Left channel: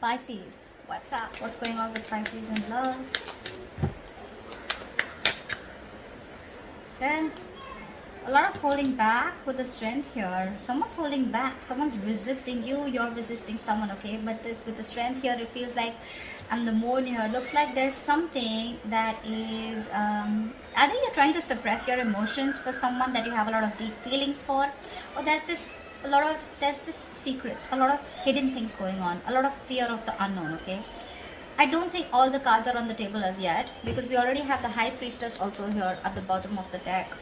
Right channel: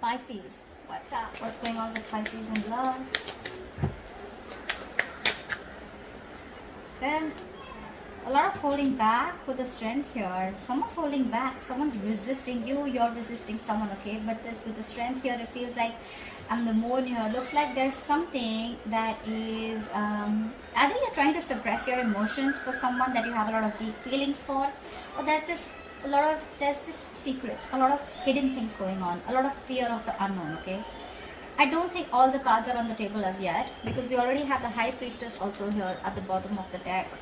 Pisces, what's up? What's going on with Pisces in love? Okay. A lot of holding back with the strength here. Someone's holding back. Someone's resisting you. You're resisting someone, okay? But this with the strength here, it feels like, and the moon here, looks like there's something that is, either you're trying to suppress your emotions for someone that you have a lot of deep feelings for, or there's this secrets, a lot of hidden things going on, a lot of fear of the unknown, okay? I don't think all the cards are on the table as yet, because we already have the High Priestess also here at the bottom of the deck.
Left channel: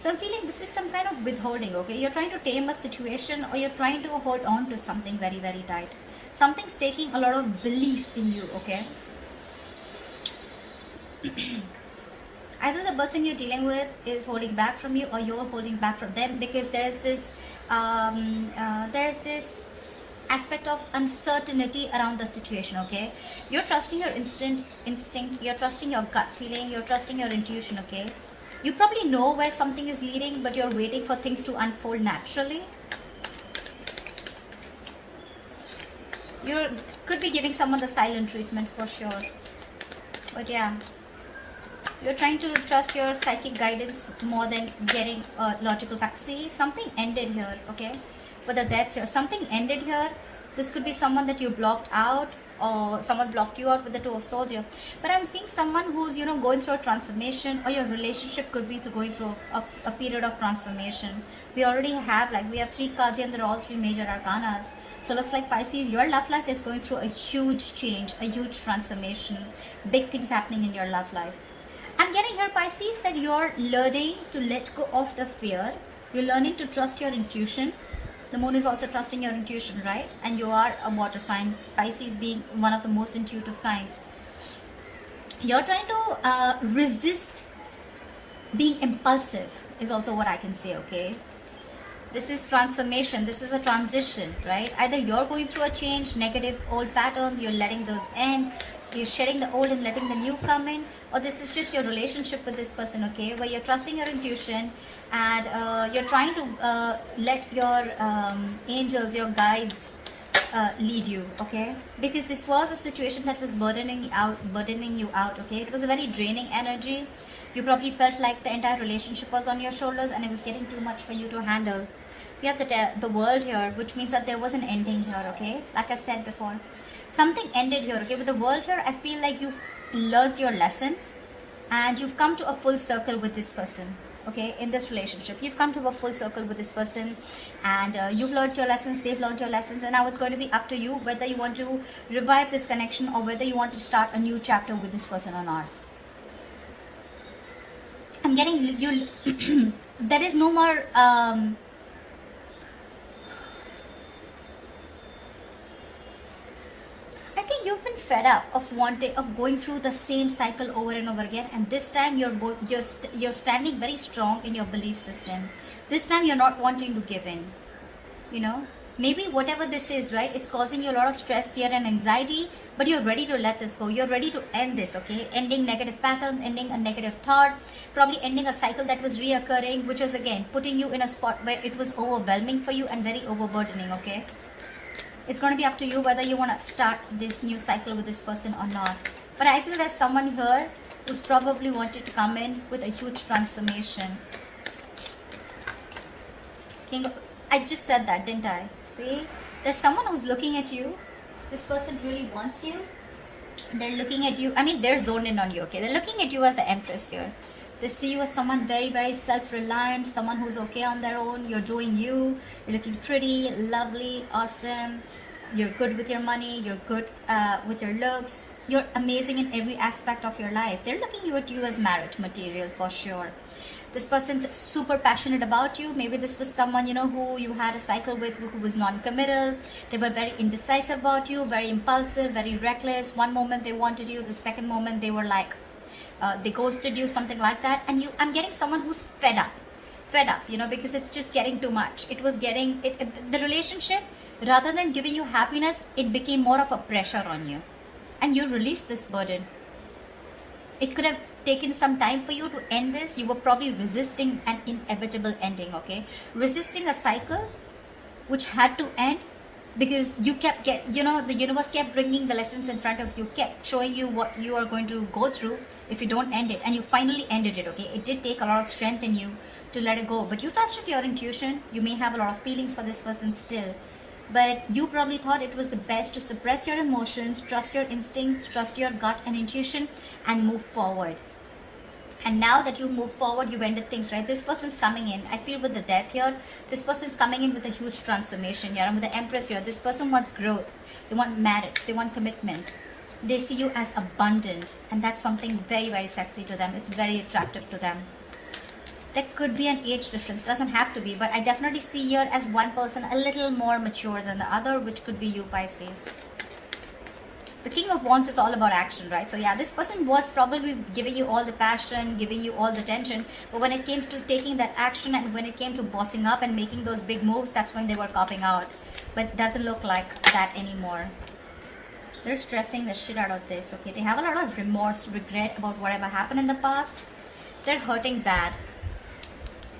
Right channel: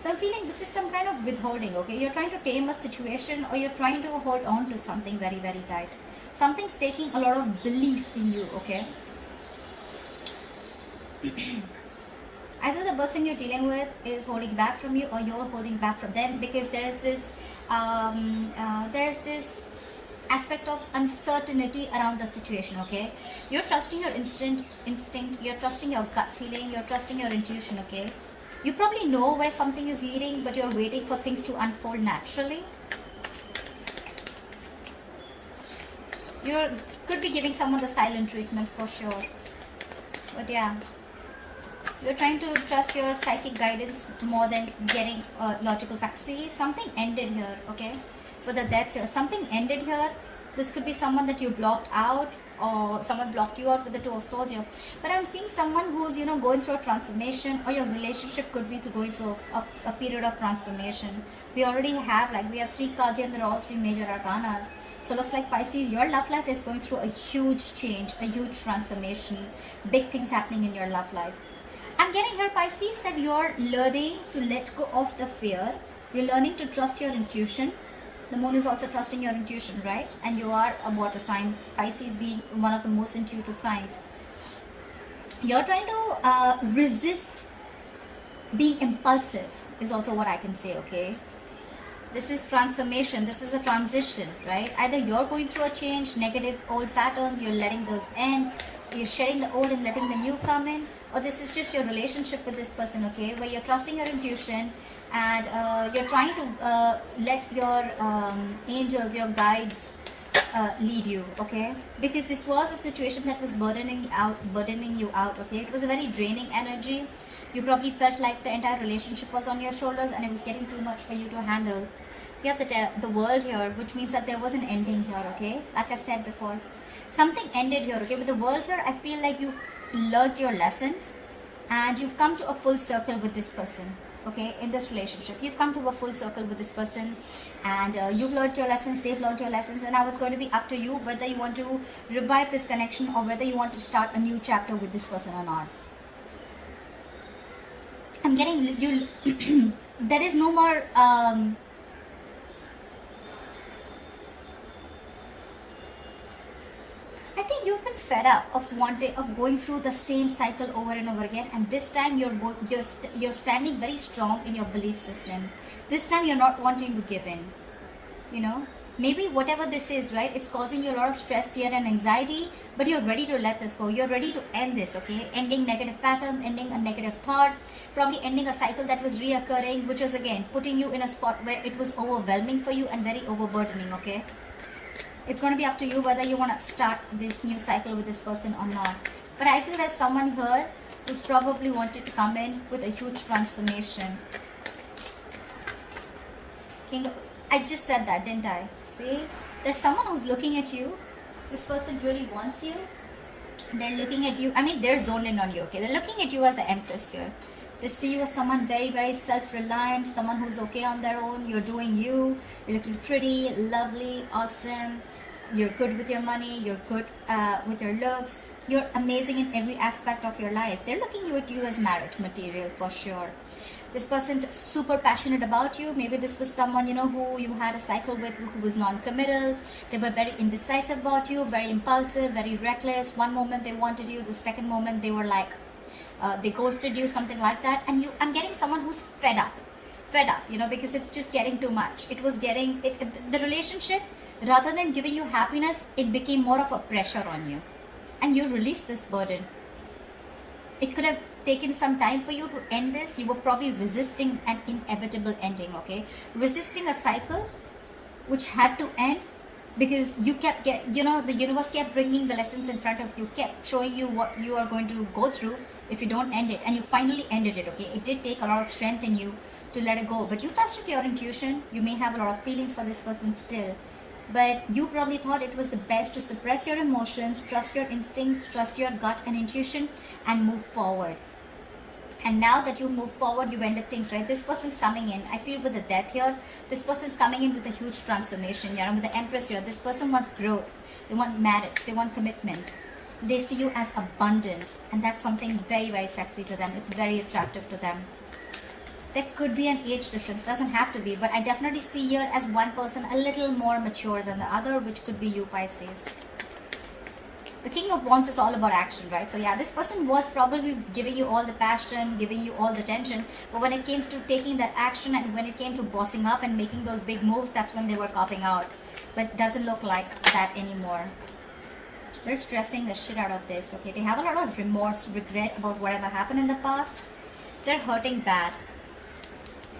So I'm feeling this is some kind of withholding, okay? You're trying to tame a situation, or you're trying to hold on to something very, very tight. Something's taking a lot of belief in you, okay? Either the person you're dealing with is holding back from you, or you're holding back from them, because there's this aspect of uncertainty around the situation, okay? You're trusting your instinct, you're trusting your gut feeling, you're trusting your intuition, okay? You probably know where something is leading, but you're waiting for things to unfold naturally. You could be giving someone the silent treatment for sure. But yeah, you're trying to trust your psychic guidance more than getting logical facts. See, something ended here, okay? With the death here, something ended here. This could be someone that you blocked out, or someone blocked you out with the Two of Swords here. But I'm seeing someone who's, you know, going through a transformation, or your relationship could be going through a period of transformation. We already have, like, we have 3 cards here, and they're all 3 major arcanas. So it looks like Pisces, your love life is going through a huge change, a huge transformation. Big things happening in your love life. I'm getting here, Pisces, that you're learning to let go of the fear. You're learning to trust your intuition. The moon is also trusting your intuition, right? And you are a water sign, Pisces being one of the most intuitive signs. You're trying to resist being impulsive, is also what I can say, okay? This is transformation. This is a transition, right? Either you're going through a change, negative old patterns, you're letting those end, you're shedding the old and letting the new come in, or this is just your relationship with this person, okay? Where you're trusting your intuition, and you're trying to let your angels, your guides lead you, okay? Because this was a situation that was burdening you out, okay? It was a very draining energy. You probably felt like the entire relationship was on your shoulders, and it was getting too much for you to handle. We have the world here, which means that there was an ending here, okay? Like I said before, something ended here, okay? With the world here, I feel like you've learned your lessons, and you've come to a full circle with this person, okay? In this relationship, you've come to a full circle with this person, and you've learned your lessons, they've learned your lessons, and now it's going to be up to you whether you want to revive this connection, or whether you want to start a new chapter with this person or not. I'm getting you. There is no more I think you've been fed up of going through the same cycle over and over again. And this time you're standing very strong in your belief system. This time you're not wanting to give in. You know, maybe whatever this is, right? It's causing you a lot of stress, fear, and anxiety. But you're ready to let this go. You're ready to end this, okay? Ending negative patterns, ending a negative thought, probably ending a cycle that was reoccurring, which is again putting you in a spot where it was overwhelming for you and very overburdening, okay? It's going to be up to you whether you want to start this new cycle with this person or not. But I feel there's someone here who's probably wanted to come in with a huge transformation. I just said that, didn't I? See? There's someone who's looking at you. This person really wants you. They're looking at you. I mean, they're zoned in on you, okay? They're looking at you as the Empress here. They see you as someone very, very self-reliant, someone who's okay on their own. You're doing you. You're looking pretty, lovely, awesome. You're good with your money. You're good with your looks. You're amazing in every aspect of your life. They're looking at you as marriage material for sure. This person's super passionate about you. Maybe this was someone, you know, who you had a cycle with, who was non-committal. They were very indecisive about you, very impulsive, very reckless. One moment they wanted you, the second moment they were like, they ghosted you, something like that. And I'm getting someone who's fed up, you know, because it's just getting too much. It was getting, the relationship, rather than giving you happiness, it became more of a pressure on you. And you released this burden. It could have taken some time for you to end this. You were probably resisting an inevitable ending, okay? Resisting a cycle which had to end, because you kept the universe kept bringing the lessons in front of you, kept showing you what you are going to go through if you don't end it, and you finally ended it. Okay, it did take a lot of strength in you to let it go, but you trusted your intuition. You may have a lot of feelings for this person still, but you probably thought it was the best to suppress your emotions, trust your instincts, trust your gut and intuition, and move forward. And now that you move forward, you've ended things, right? This person's coming in, I feel, with the death here. This person's coming in with a huge transformation here. With the Empress here, this person wants growth. They want marriage. They want commitment. They see you as abundant. And that's something very, very sexy to them. It's very attractive to them. There could be an age difference. Doesn't have to be. But I definitely see here as one person a little more mature than the other, which could be you, Pisces. The King of Wands is all about action, right? So yeah, this person was probably giving you all the passion, giving you all the tension, but when it came to taking that action and when it came to bossing up and making those big moves, that's when they were copping out. But it doesn't look like that anymore. They're stressing the shit out of this, okay? They have a lot of remorse, regret about whatever happened in the past. They're hurting bad.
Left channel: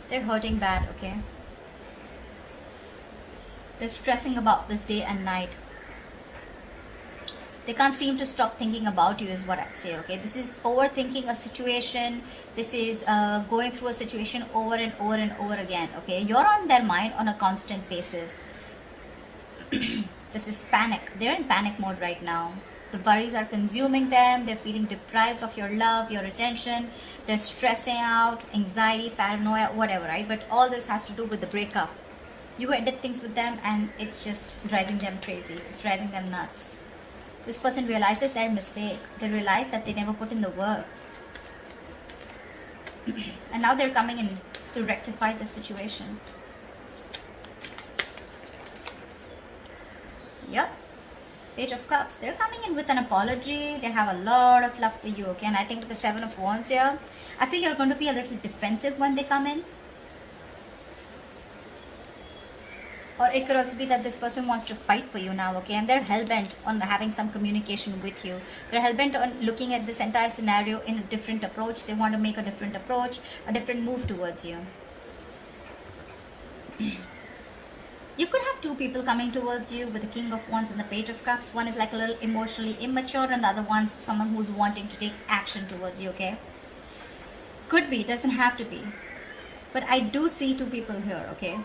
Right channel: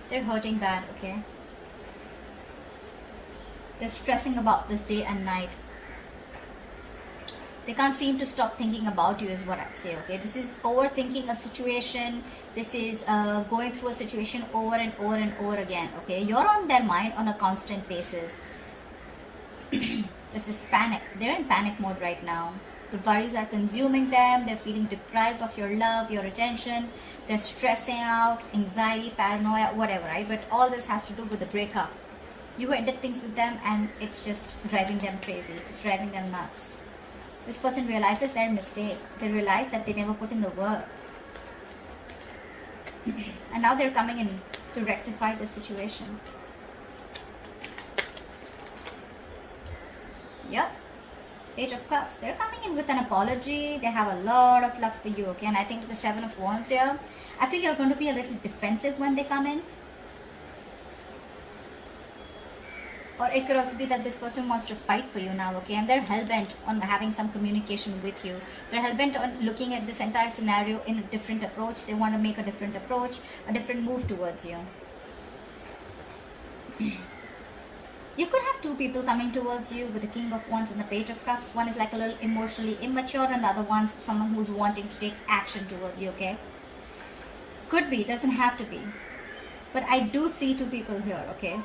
They're hurting bad, okay? They're stressing about this day and night. They can't seem to stop thinking about you is what I'd say, okay? This is overthinking a situation. This is going through a situation over and over and over again, okay? You're on their mind on a constant basis. This is panic. They're in panic mode right now. The worries are consuming them. They're feeling deprived of your love, your attention. They're stressing out, anxiety, paranoia, whatever, right? But all this has to do with the breakup. You ended things with them and it's just driving them crazy. It's driving them nuts. This person realizes their mistake. They realize that they never put in the work. And now they're coming in to rectify the situation. Yep. Page of Cups. They're coming in with an apology. They have a lot of love for you. Okay? And I think the 7 of Wands here, I feel you're going to be a little defensive when they come in. Or it could also be that this person wants to fight for you now, okay? And they're hell-bent on having some communication with you. They're hell-bent on looking at this entire scenario in a different approach. They want to make a different approach, a different move towards you. You could have two people coming towards you with the King of Wands and the Page of Cups. One is like a little emotionally immature and the other one's someone who's wanting to take action towards you, okay? Could be, doesn't have to be. But I do see two people here, okay?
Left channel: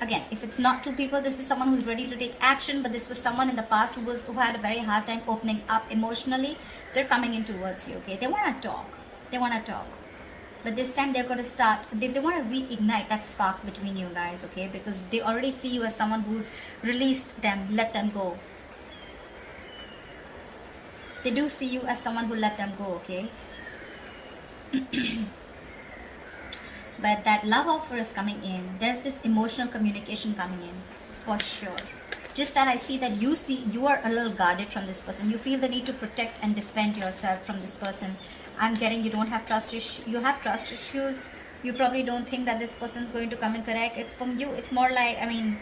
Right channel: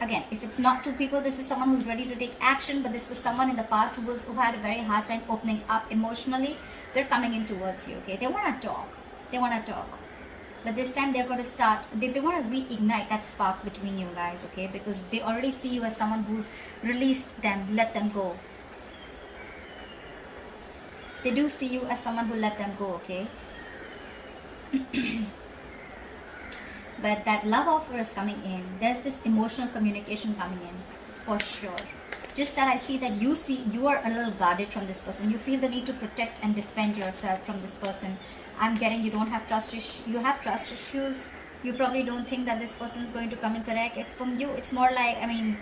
Again, if it's not two people, this is someone who's ready to take action, but this was someone in the past who had a very hard time opening up emotionally. They're coming in towards you, okay? They want to talk. They want to talk. But this time they're going to start, they want to reignite that spark between you guys, okay? Because they already see you as someone who's released them, let them go. They do see you as someone who let them go, okay? But that love offer is coming in. There's this emotional communication coming in, for sure. Just that I see that you are a little guarded from this person. You feel the need to protect and defend yourself from this person. I'm getting you don't have trust issues. You have trust issues. You probably don't think that this person is going to come and connect. It's from you. It's more like, I mean,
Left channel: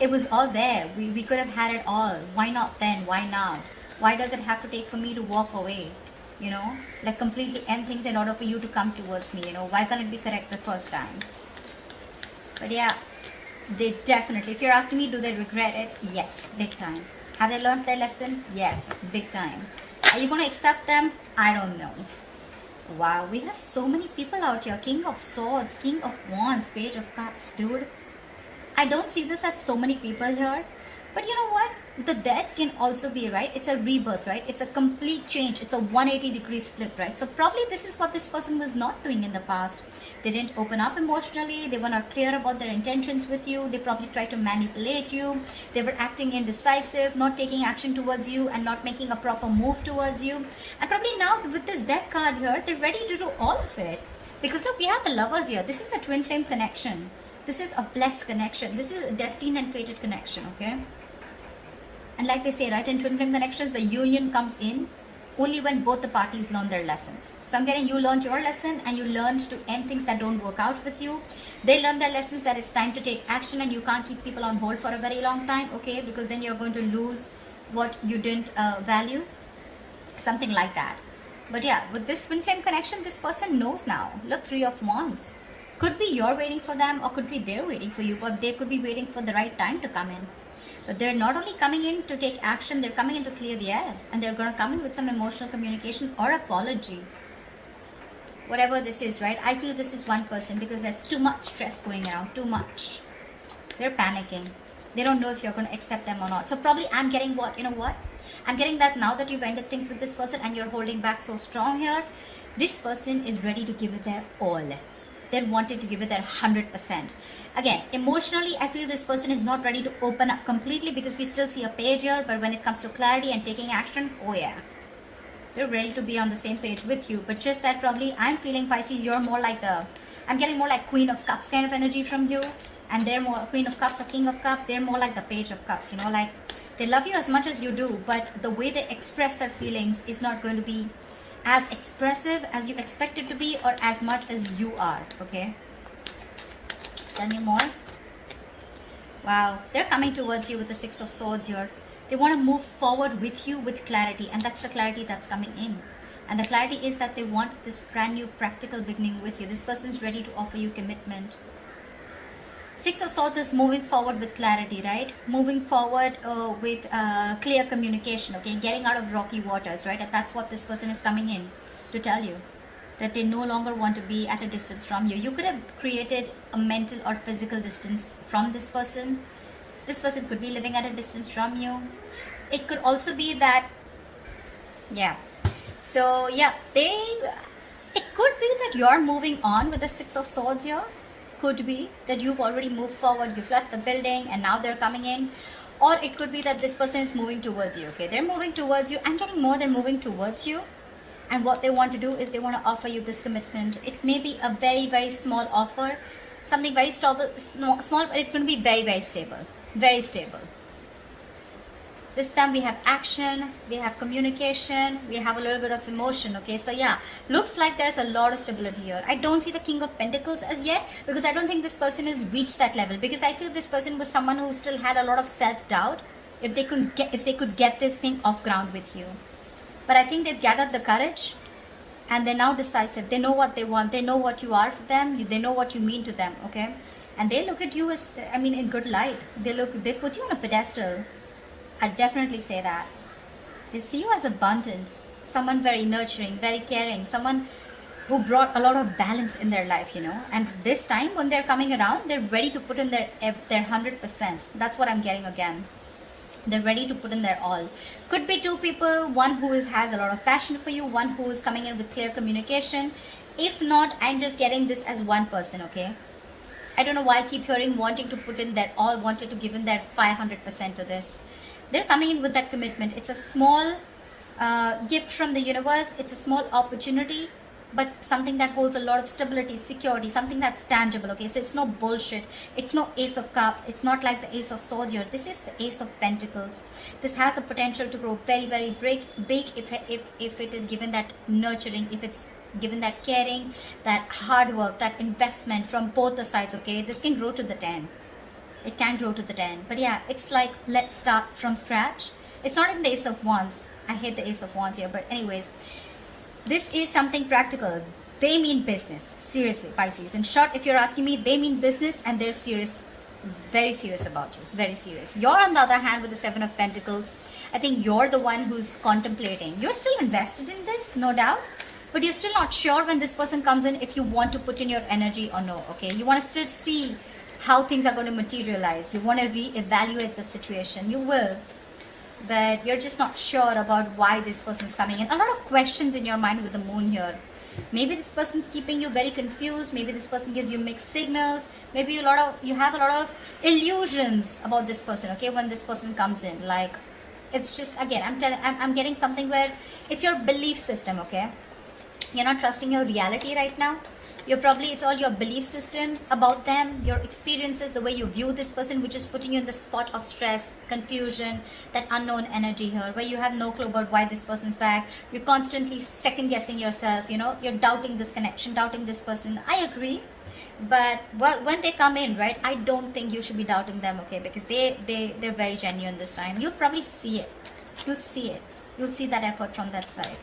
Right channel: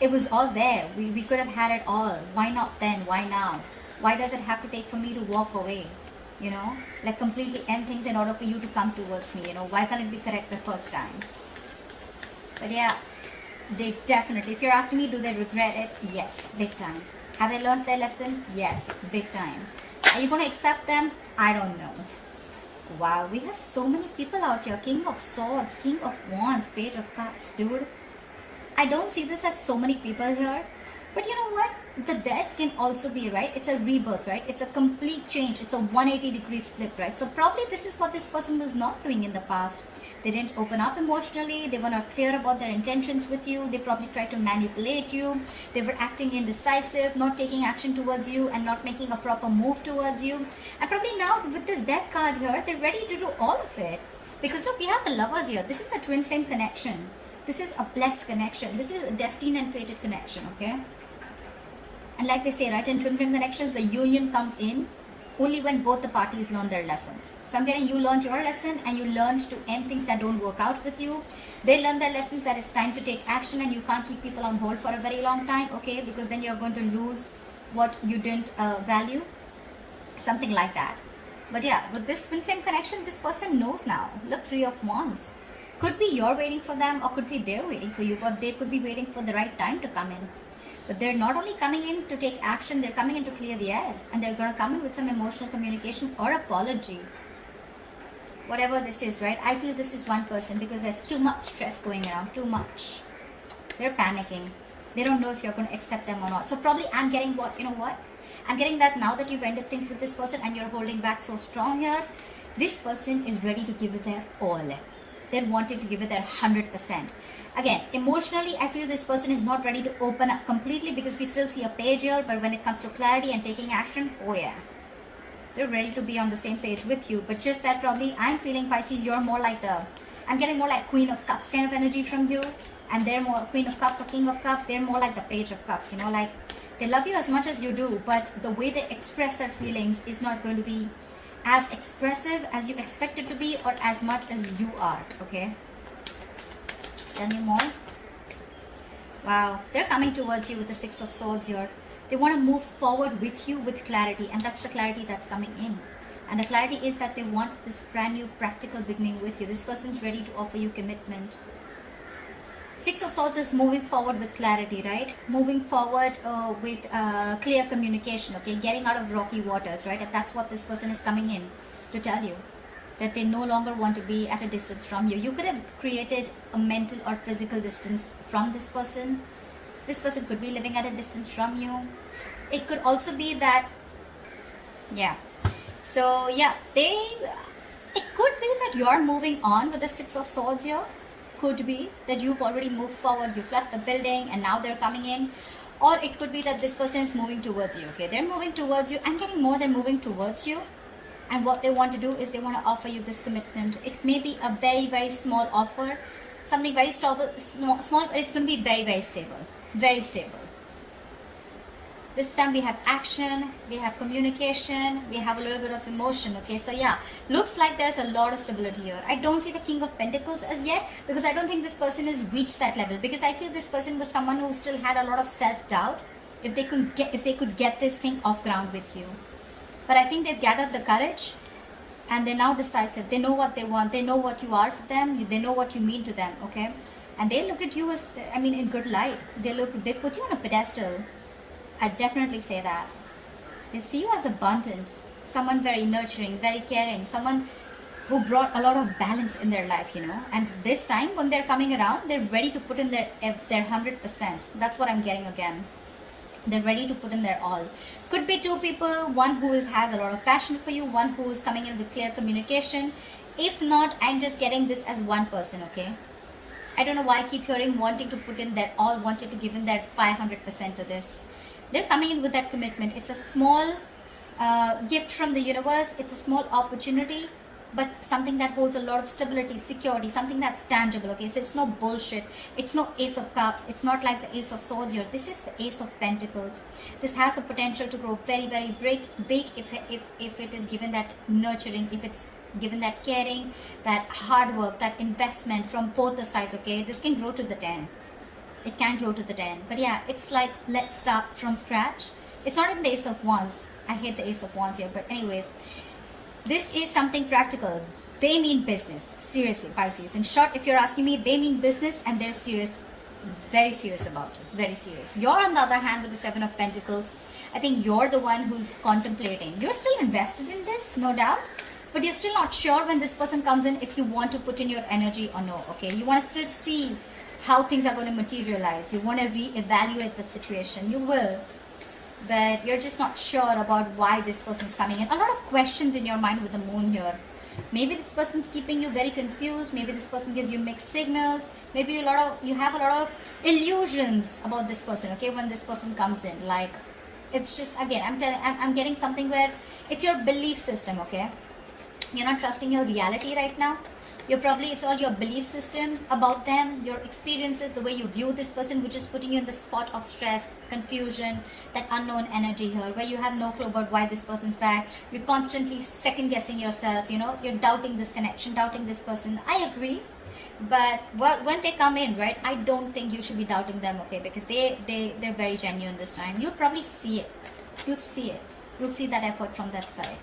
it was all there. We could have had it all. Why not then? Why now? Why does it have to take for me to walk away? You know, like completely end things in order for you to come towards me, you know. Why can't it be correct the first time? But yeah, they definitely, if you're asking me, do they regret it? Yes, big time. Have they learned their lesson? Yes, big time. Are you going to accept them? I don't know. Wow, we have so many people out here. King of Swords, King of Wands, Page of Cups, dude. I don't see this as so many people here. But you know what? The death can also be, right? It's a rebirth, right? It's a complete change. It's a 180 degrees flip, right? So probably this is what this person was not doing in the past. They didn't open up emotionally. They were not clear about their intentions with you. They probably tried to manipulate you. They were acting indecisive, not taking action towards you and not making a proper move towards you. And probably now with this death card here, they're ready to do all of it. Because look, we have the Lovers here. This is a twin flame connection. This is a blessed connection. This is a destined and fated connection, okay? And like they say, right, in twin flame connections, the union comes in only when both the parties learn their lessons. So I'm getting you learned your lesson and you learned to end things that don't work out with you. They learned their lessons that it's time to take action and you can't keep people on hold for a very long time, okay? Because then you're going to lose what you didn't value. Something like that. But yeah, with this twin flame connection, this person knows now. Look, 3 of Wands. Could be you're waiting for them or could be they're waiting for you, but they could be waiting for the right time to come in. But they're not only coming in to take action, they're coming in to clear the air. And they're going to come in with some emotional communication or apology. Whatever this is, right? I feel this is one person because there's too much stress going around, too much. They're panicking. They don't know if you're going to accept them or not. So probably I'm getting what, you know what? I'm getting that now that you've ended things with this person and you're holding back so strong here, this person is ready to give it their all. They're wanting to give it their 100%. Again, emotionally, I feel this person is not ready to open up completely because we still see a page here, but when it comes to clarity and taking action, oh yeah. They're ready to be on the same page with you, but just that probably I'm feeling Pisces, you're more like I'm getting more like Queen of Cups kind of energy from you, and they're more Queen of Cups or King of Cups, they're more like the Page of Cups, you know, like they love you as much as you do, but the way they express their feelings is not going to be as expressive as you expect it to be or as much as you are, okay? Tell me more. Wow, they're coming towards you with the Six of Swords here. They want to move forward with you with clarity, and that's the clarity that's coming in. And the clarity is that they want this brand new practical beginning with you. This person's ready to offer you commitment. Six of Swords is moving forward with clarity, right? Moving forward with clear communication, okay? Getting out of rocky waters, right? And that's what this person is coming in to tell you. That they no longer want to be at a distance from you. You could have created a mental or physical distance from this person. This person could be living at a distance from you. It could also be that, yeah. So, yeah, it could be that you're moving on with the Six of Swords here. Could be that you've already moved forward, you've left the building and now they're coming in. Or it could be that this person is moving towards you, okay? They're moving towards you. I'm getting more, they're moving towards you. And what they want to do is they want to offer you this commitment. It may be a very, very small offer. Something very small, but it's going to be very, very stable. Very stable. This time we have action, we have communication, we have a little bit of emotion, okay? So yeah, looks like there's a lot of stability here. I don't see the King of Pentacles as yet because I don't think this person has reached that level, because I feel this person was someone who still had a lot of self-doubt if they could get this thing off ground with you. But I think they've gathered the courage and they're now decisive. They know what they want. They know what you are for them. They know what you mean to them, okay? And they look at you as, I mean, in good light. They put you on a pedestal. I definitely say that. They see you as abundant, someone very nurturing, very caring, someone who brought a lot of balance in their life, you know. And this time when they're coming around, they're ready to put in their 100%. That's what I'm getting again. They're ready to put in their all. Could be two people, one who has a lot of passion for you, one who is coming in with clear communication. If not, I'm just getting this as one person, okay? I don't know why I keep hearing wanting to put in their all, wanted to give in their 500% to this. They're coming in with that commitment. It's a small gift from the universe. It's a small opportunity, but something that holds a lot of stability, security, something that's tangible, okay? So it's no bullshit. It's no Ace of Cups. It's not like the Ace of Swords here. This is the Ace of Pentacles. This has the potential to grow very, very big if it is given that nurturing, if it's given that caring, that hard work, that investment from both the sides, okay? This can grow to the 10. It can grow to the 10. But yeah, it's like, let's start from scratch. It's not in the Ace of Wands. I hate the Ace of Wands here. But anyways, this is something practical. They mean business. Seriously, Pisces. In short, if you're asking me, they mean business and they're serious. Very serious about it. Very serious. You're on the other hand with the Seven of Pentacles. I think you're the one who's contemplating. You're still invested in this, no doubt. But you're still not sure when this person comes in if you want to put in your energy or no. Okay, you want to still see how things are going to materialize. You want to reevaluate the situation. You will. But you're just not sure about why this person's coming in. A lot of questions in your mind with the moon here. Maybe this person's keeping you very confused. Maybe this person gives you mixed signals. Maybe you have a lot of illusions about this person, okay, when this person comes in. Like, it's just, again, I'm getting something where it's your belief system, okay? You're not trusting your reality right now. It's all your belief system about them, your experiences, the way you view this person, which is putting you in the spot of stress, confusion, that unknown energy here, where you have no clue about why this person's back. You're constantly second guessing yourself, you know, you're doubting this connection, doubting this person. I agree. But when they come in, right, I don't think you should be doubting them, okay, because they're very genuine this time. You'll probably see it. You'll see it. You'll see that effort from that side.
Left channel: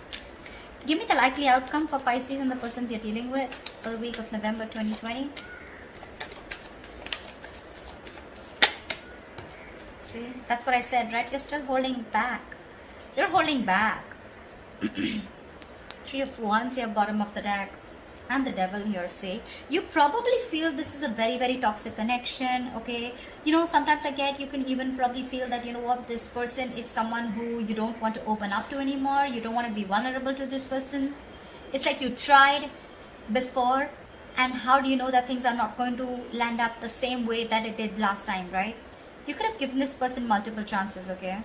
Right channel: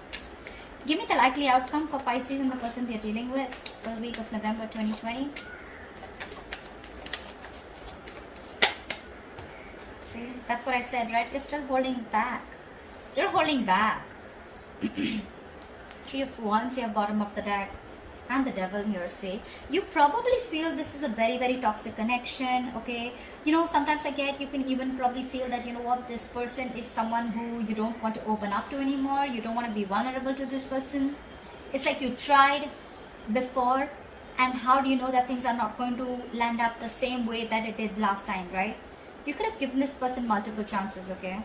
Give me the likely outcome for Pisces and the person you're dealing with for the week of November 2020. See, That's what I said, right? You're still holding back. You're holding back. Three of Wands here, bottom of the deck. And the devil here, say. You probably feel this is a very, very toxic connection, okay? You know, sometimes you can even probably feel that, you know what, this person is someone who you don't want to open up to anymore. You don't want to be vulnerable to this person. It's like you tried before, and how do you know that things are not going to land up the same way that it did last time, right? You could have given this person multiple chances, okay?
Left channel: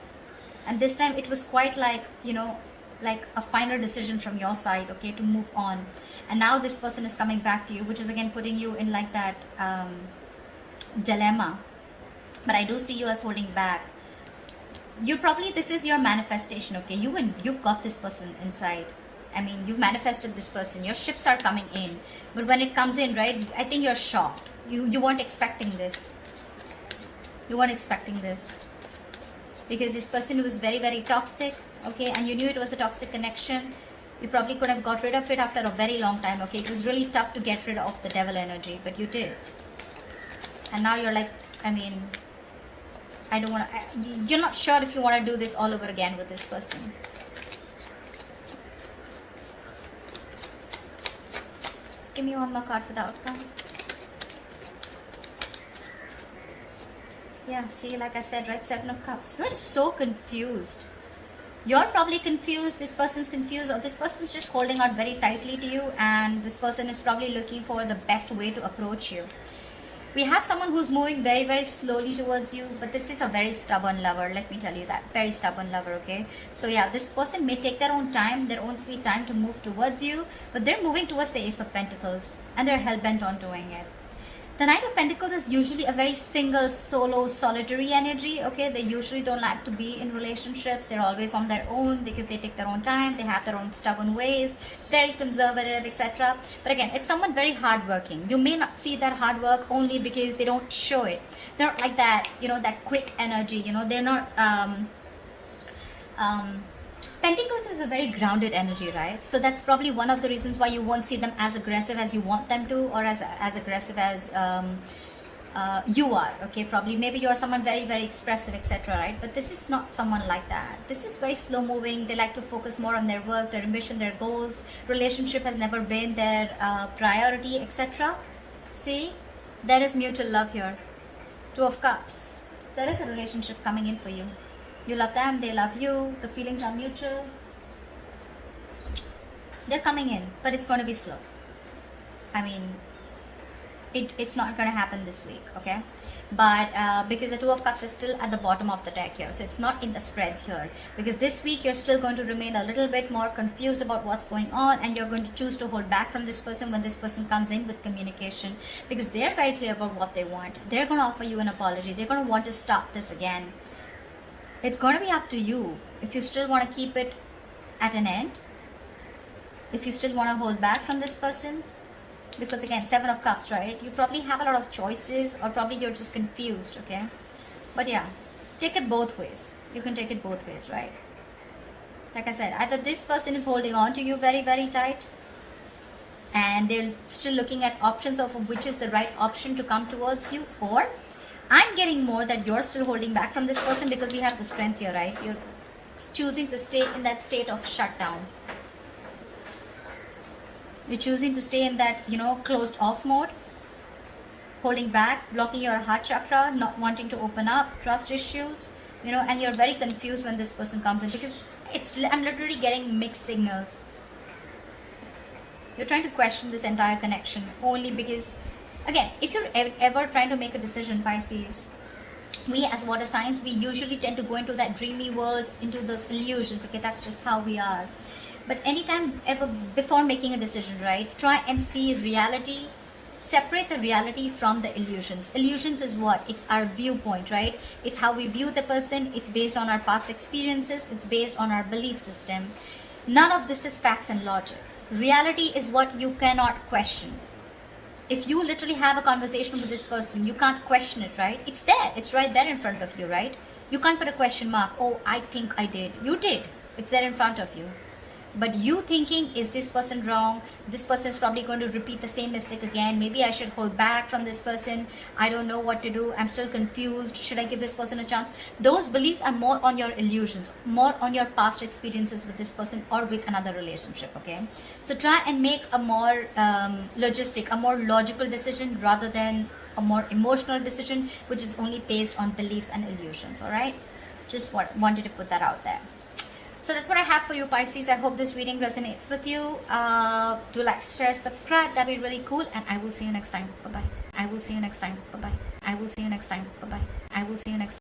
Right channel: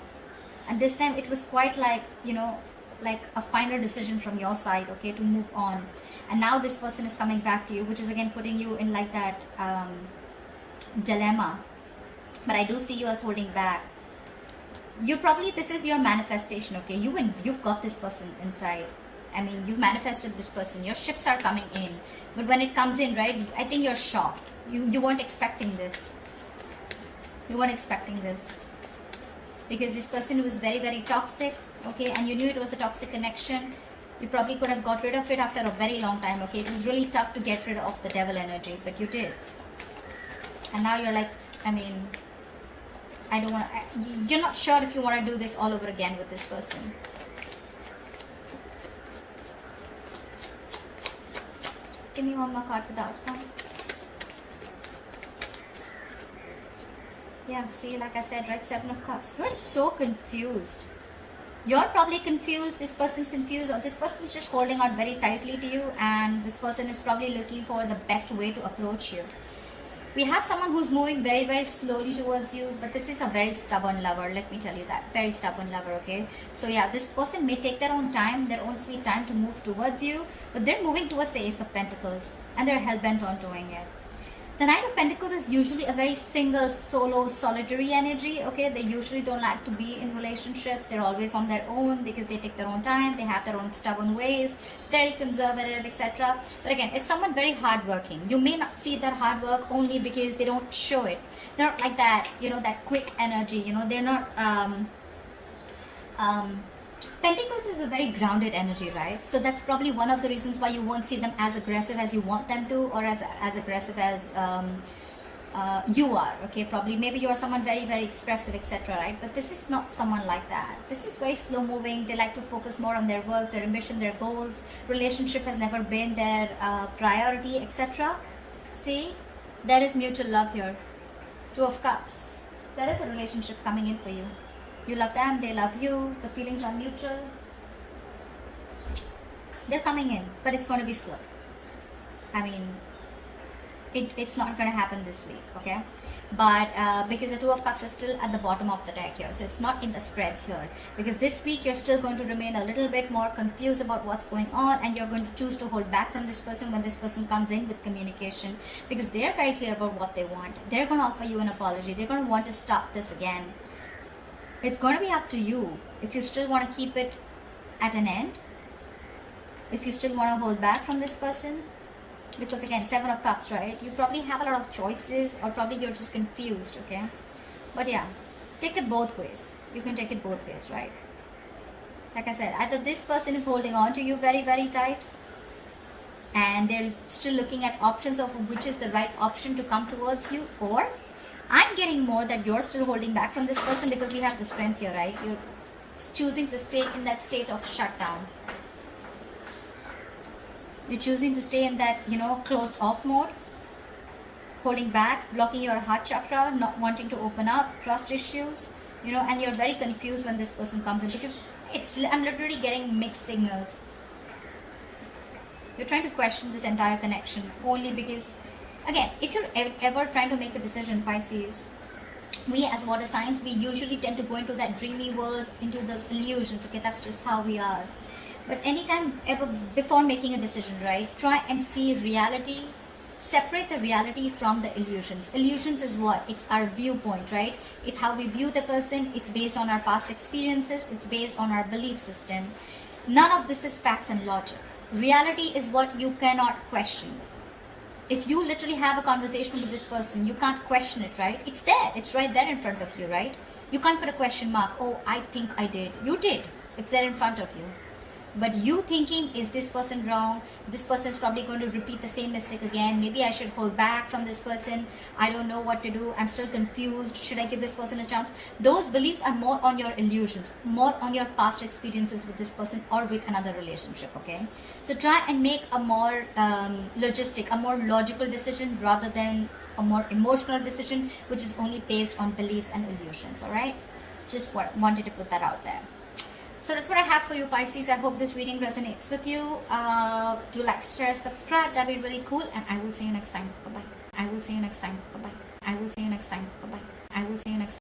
And this time it was quite like, you know, like a final decision from your side, okay, to move on. And now this person is coming back to you, which is again putting you in like that dilemma. But I do see you as holding back. You probably, this is your manifestation, okay? You've got this person inside. I mean, you manifested this person. Your ships are coming in. But when it comes in, right, I think you're shocked. You weren't expecting this. You weren't expecting this. Because this person was very, very toxic, okay, and you knew it was a toxic connection. You probably could have got rid of it after a very long time, okay? It was really tough to get rid of the devil energy, but you did. And now you're like, I mean, I don't want to, you're not sure if you want to do this all over again with this person. Give me one more card for the outcome. Yeah, see, like I said, right, Seven of Cups. You're so confused. You're probably confused, this person's confused, or this person's just holding out very tightly to you, and this person is probably looking for the best way to approach you. We have someone who's moving very, very slowly towards you, but this is a very stubborn lover, let me tell you that. Very stubborn lover, okay? So yeah, this person may take their own time, their own sweet time to move towards you, but they're moving towards the Ace of Pentacles, and they're hell-bent on doing it. The Knight of Pentacles is usually a very single, solo, solitary energy, okay? They usually don't like to be in relationships. They're always on their own because they take their own time. They have their own stubborn ways, very conservative, etc. But again, it's someone very hardworking. You may not see their hard work only because they don't show it. They're not like that, you know, that quick energy, you know. They're not... Pentacles is a very grounded energy, right? So that's probably one of the reasons why you won't see them as aggressive as you want them to, or as aggressive as you are, okay? Probably, maybe you're someone very, very expressive, etc., right? But this is not someone like that. This is very slow moving. They like to focus more on their work, their ambition, their goals. Relationship has never been their priority, etc. See, there is mutual love here. Two of Cups. There is a relationship coming in for you. You love them, they love you, the feelings are mutual. They're coming in, but it's going to be slow. I mean, it's not going to happen this week, okay? But because the Two of Cups is still at the bottom of the deck here, so it's not in the spreads here. Because this week you're still going to remain a little bit more confused about what's going on, and you're going to choose to hold back from this person when this person comes in with communication, because they're very clear about what they want. They're going to offer you an apology. They're going to want to stop this again. It's going to be up to you if you still want to keep it at an end, if you still want to hold back from this person. Because again, Seven of Cups, right? You probably have a lot of choices, or probably you're just confused, okay? But yeah, take it both ways. You can take it both ways, right? Like I said, either this person is holding on to you very, very tight, and they're still looking at options of which is the right option to come towards you, or I'm getting more that you're still holding back from this person because we have the Strength here, right? You're choosing to stay in that state of shutdown. You're choosing to stay in that, you know, closed off mode, holding back, blocking your heart chakra, not wanting to open up, trust issues, you know, and you're very confused when this person comes in, because I'm literally getting mixed signals. You're trying to question this entire connection only because, again, if you're ever trying to make a decision, Pisces, we as water signs, we usually tend to go into that dreamy world, into those illusions, okay? That's just how we are. But anytime ever before making a decision, right, try and see reality. Separate the reality from the illusions. Illusions is what? It's our viewpoint, right? It's how we view the person. It's based on our past experiences. It's based on our belief system. None of this is facts and logic. Reality is what you cannot question. If you literally have a conversation with this person, you can't question it, right? It's there. It's right there in front of you, right? You can't put a question mark. Oh, I think I did. You did. It's there in front of you. but you thinking, is this person wrong, this person is probably going to repeat the same mistake again, maybe I should hold back from this person, I don't know what to do, I'm still confused, should I give this person a chance? Those beliefs are more on your illusions, more on your past experiences with this person or with another relationship. Okay, so try and make a more logistic, a more logical decision rather than a more emotional decision which is only based on beliefs and illusions. All right, just wanted to put that out there. So that's what I have for you, Pisces. I hope this reading resonates with you. Do like, share, subscribe. That'd be really cool. And I will see you next time. Bye-bye. I will see you next time. Bye-bye. I will see you next time. Bye-bye. I will see you next time.